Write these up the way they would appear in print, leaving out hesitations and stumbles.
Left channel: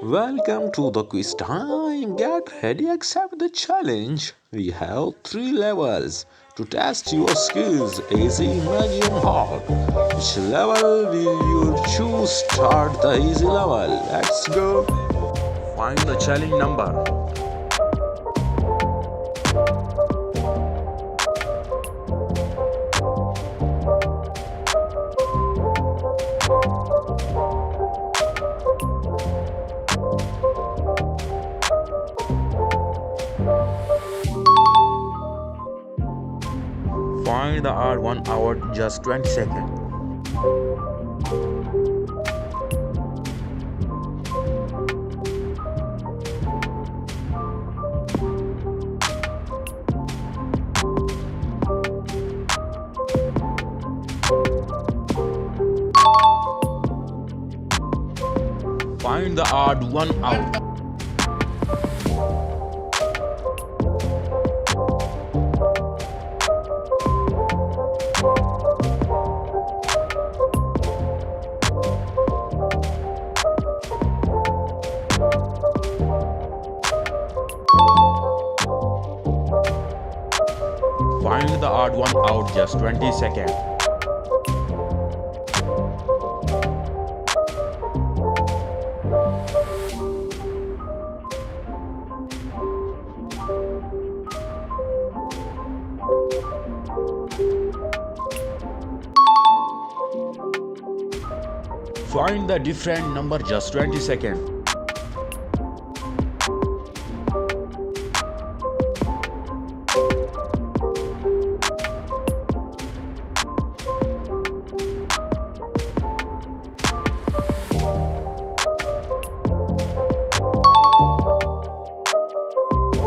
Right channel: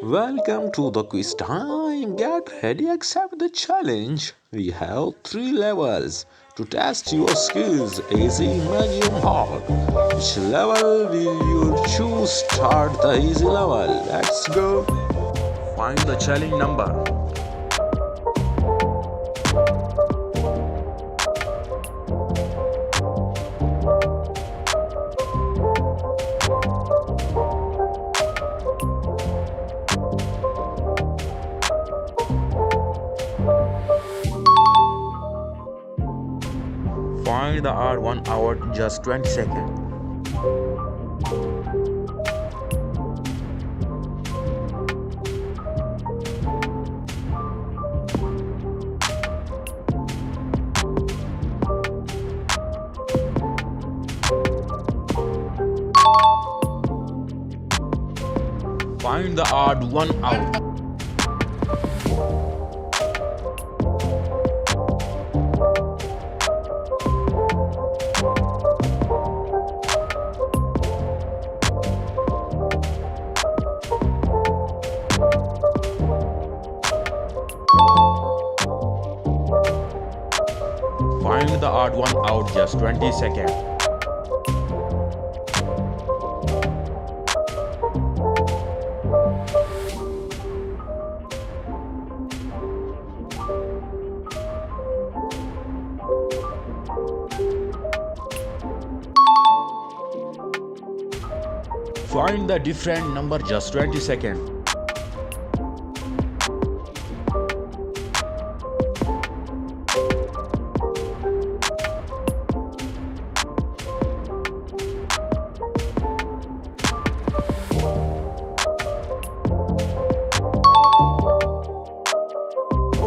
Welcome to the quiz time. Get ready, accept the challenge. We have three levels to test your skills: easy, medium, hard. Which level will you choose? Start the easy level. Let's go. Find the challenge number. Find the odd one out just 20 seconds. Find the odd one out. Find the odd one out just 20 seconds. Find the different number just 20 seconds.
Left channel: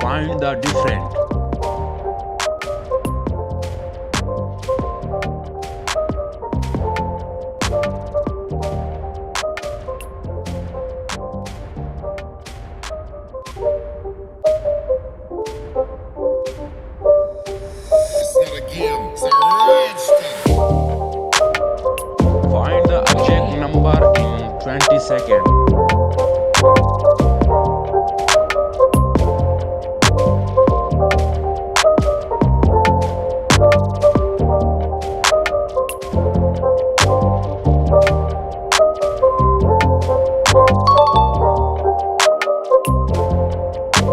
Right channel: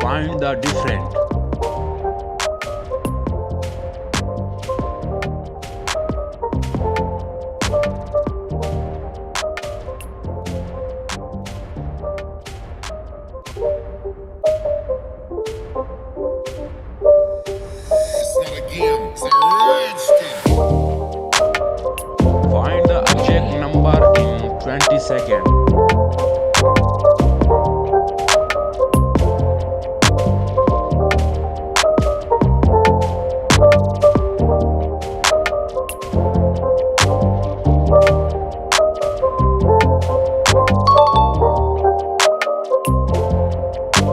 Find the different. It's not a game, it's a rage thing. Find the object number in 20 seconds.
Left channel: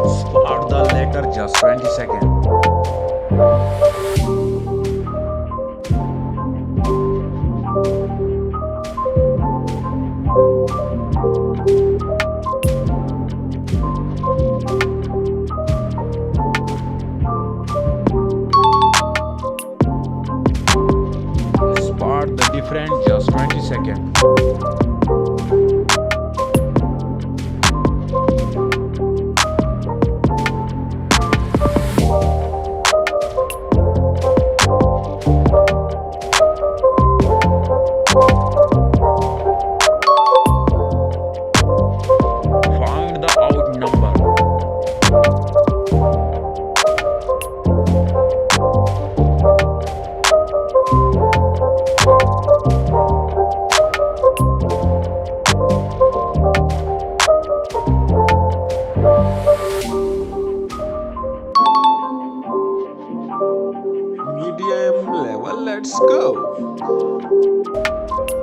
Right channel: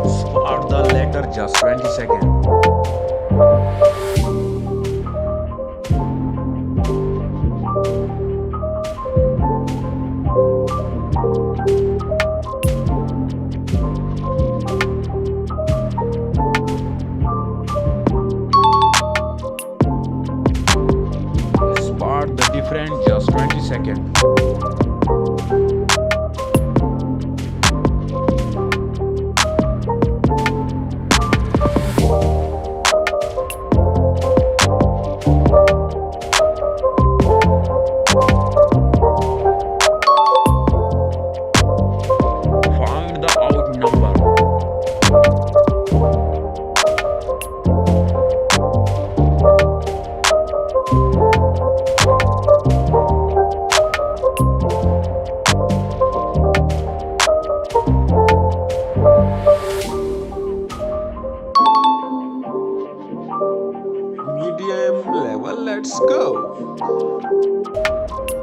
Spot the letter just 20 seconds. Spot the different just 20 seconds. Find the odd number. Medium level, let's go.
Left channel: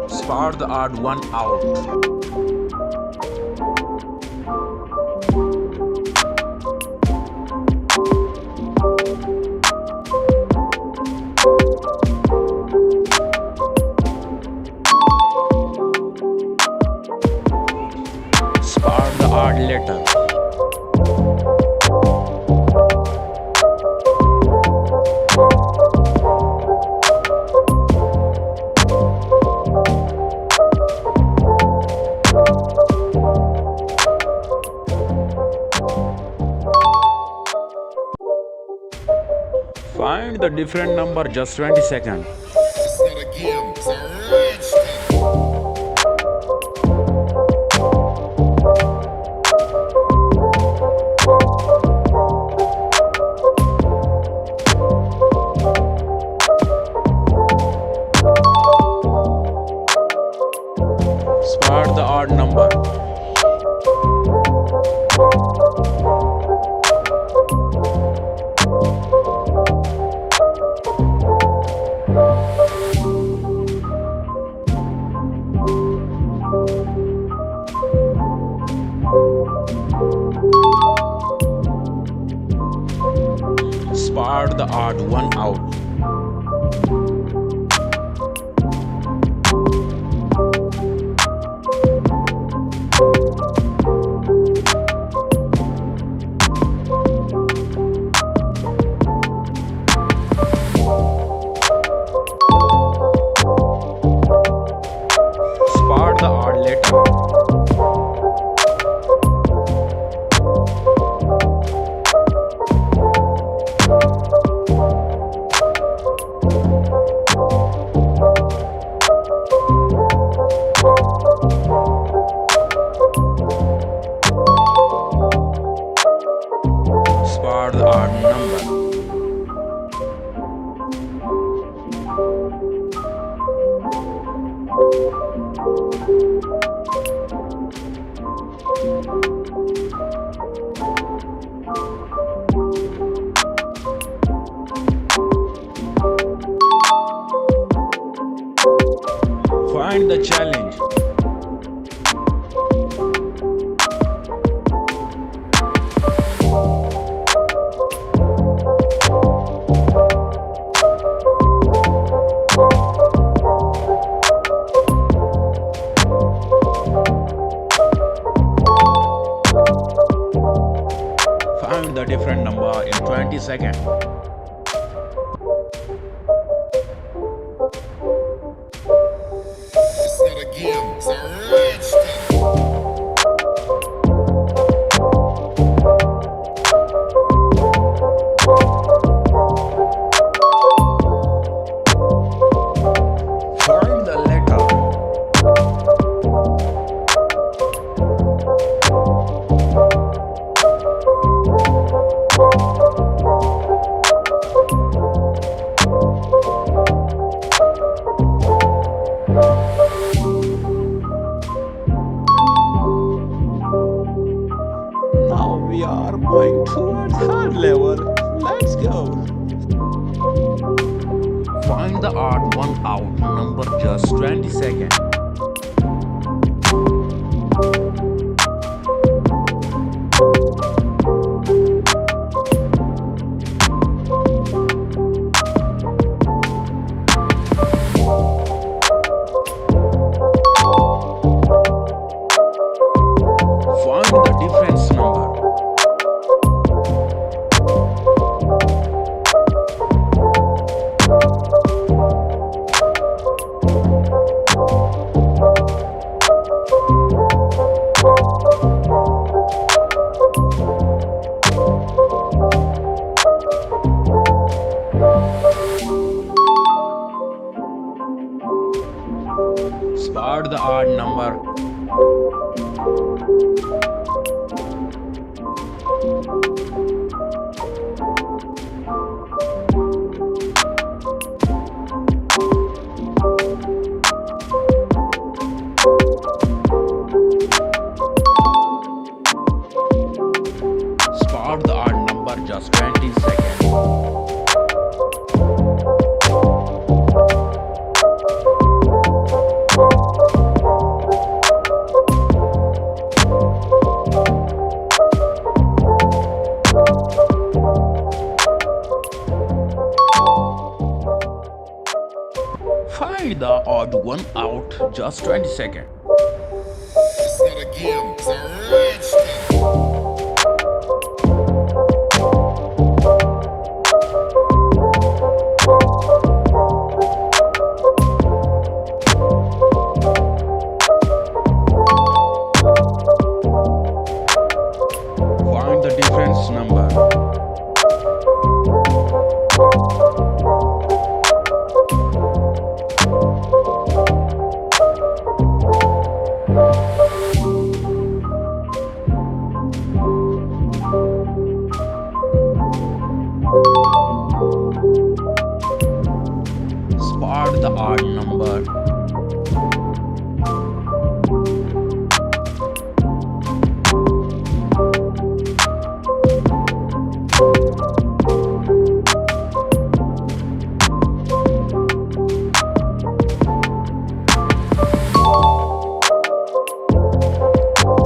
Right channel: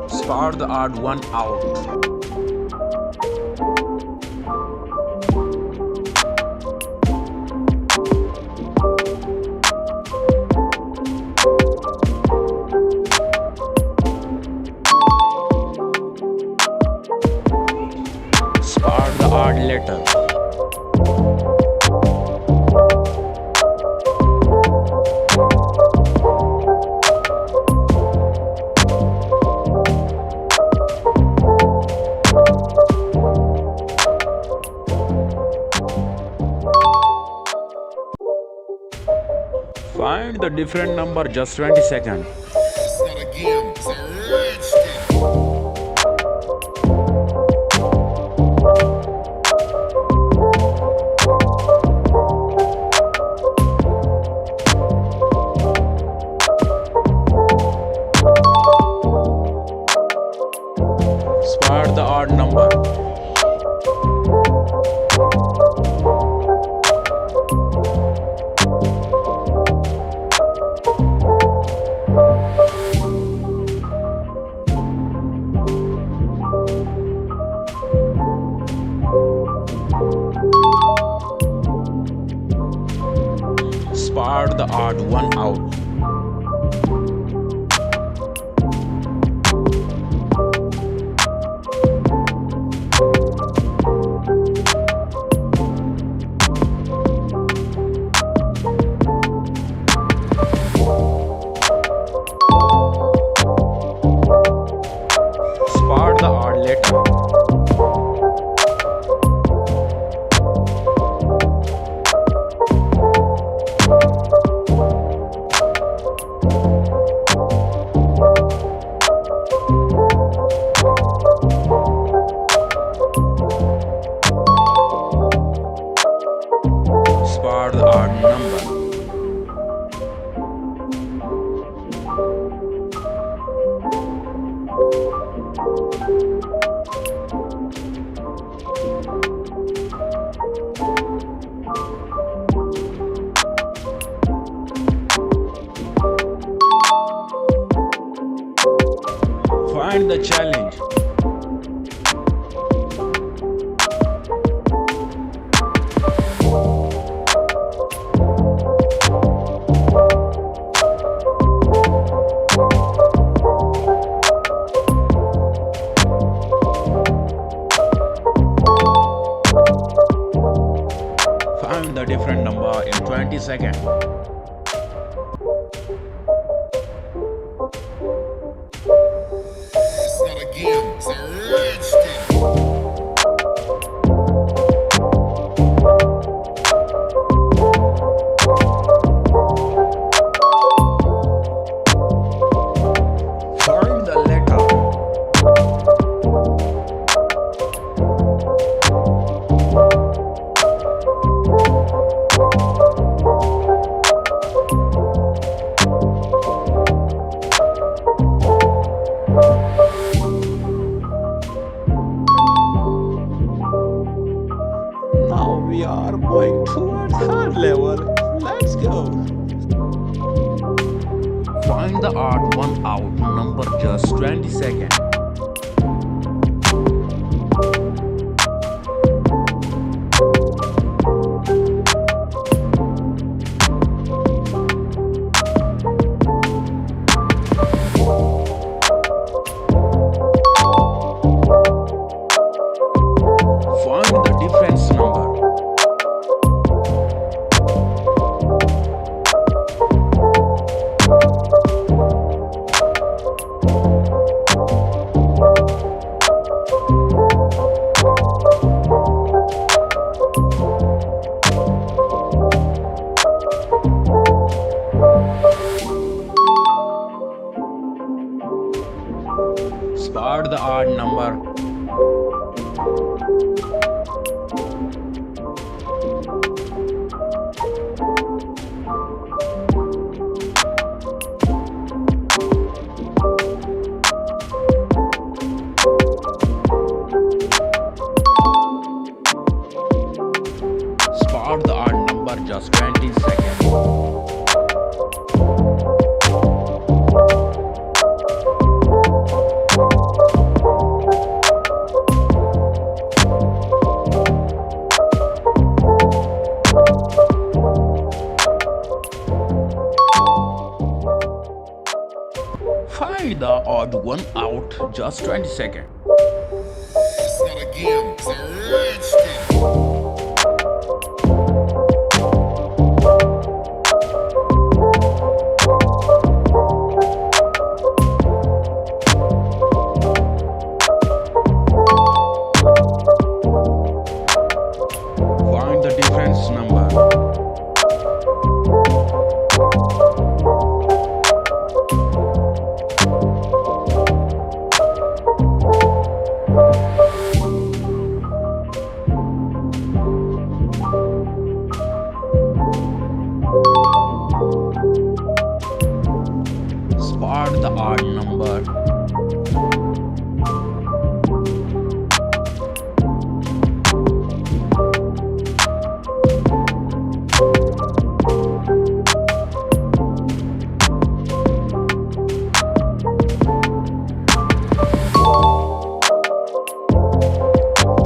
Spot the odd one out. Spot the odd letter. Find the different number just 20 seconds. It's not a game, it's a rage thing. Spot the odd number. Spot the odd one out. Spot the odd letter. Spot the odd number. Find the challenge. Find the different number in 20 seconds. It's not a game, it's a rich thing. Find the letter. Now we are going towards third level. Let's go. Find the odd one out number just 20 seconds. Find the difference number. Spot the odd number. Spot the odd number just 20 seconds. Find the odd one out just 20 seconds. It's not a game, it's a rich thing. Find the difference number. Spot the odd number.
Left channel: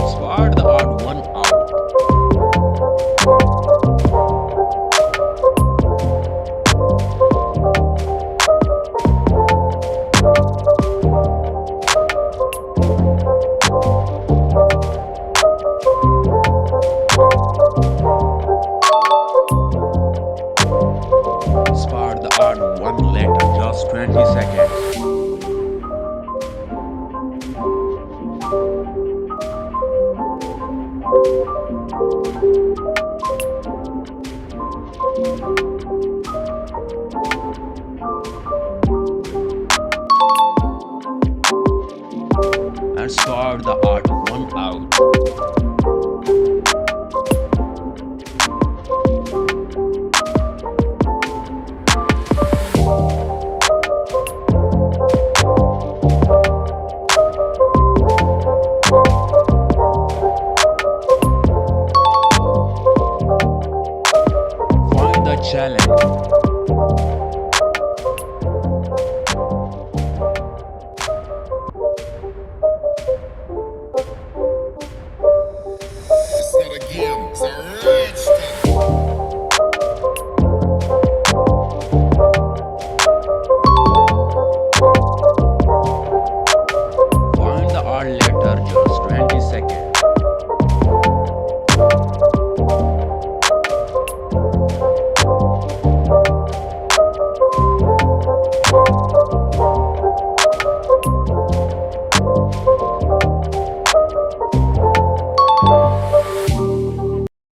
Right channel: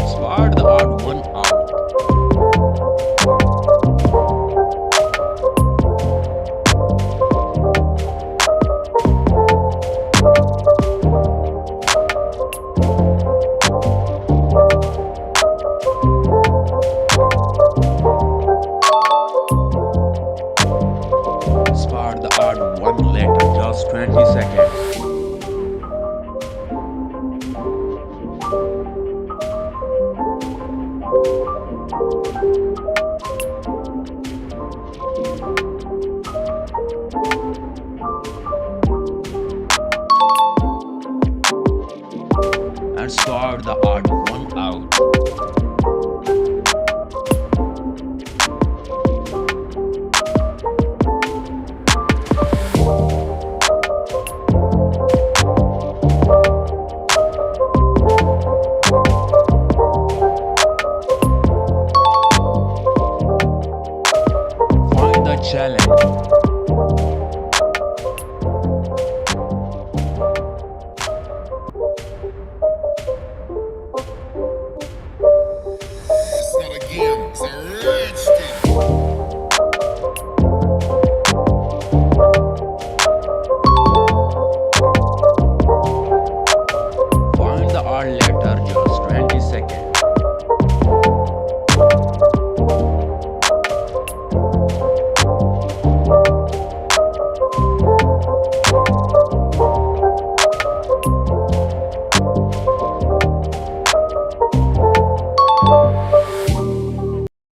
Spot the odd one out. last 20 seconds. And sort the odd one out. Find the challenge. It's not a game, it's a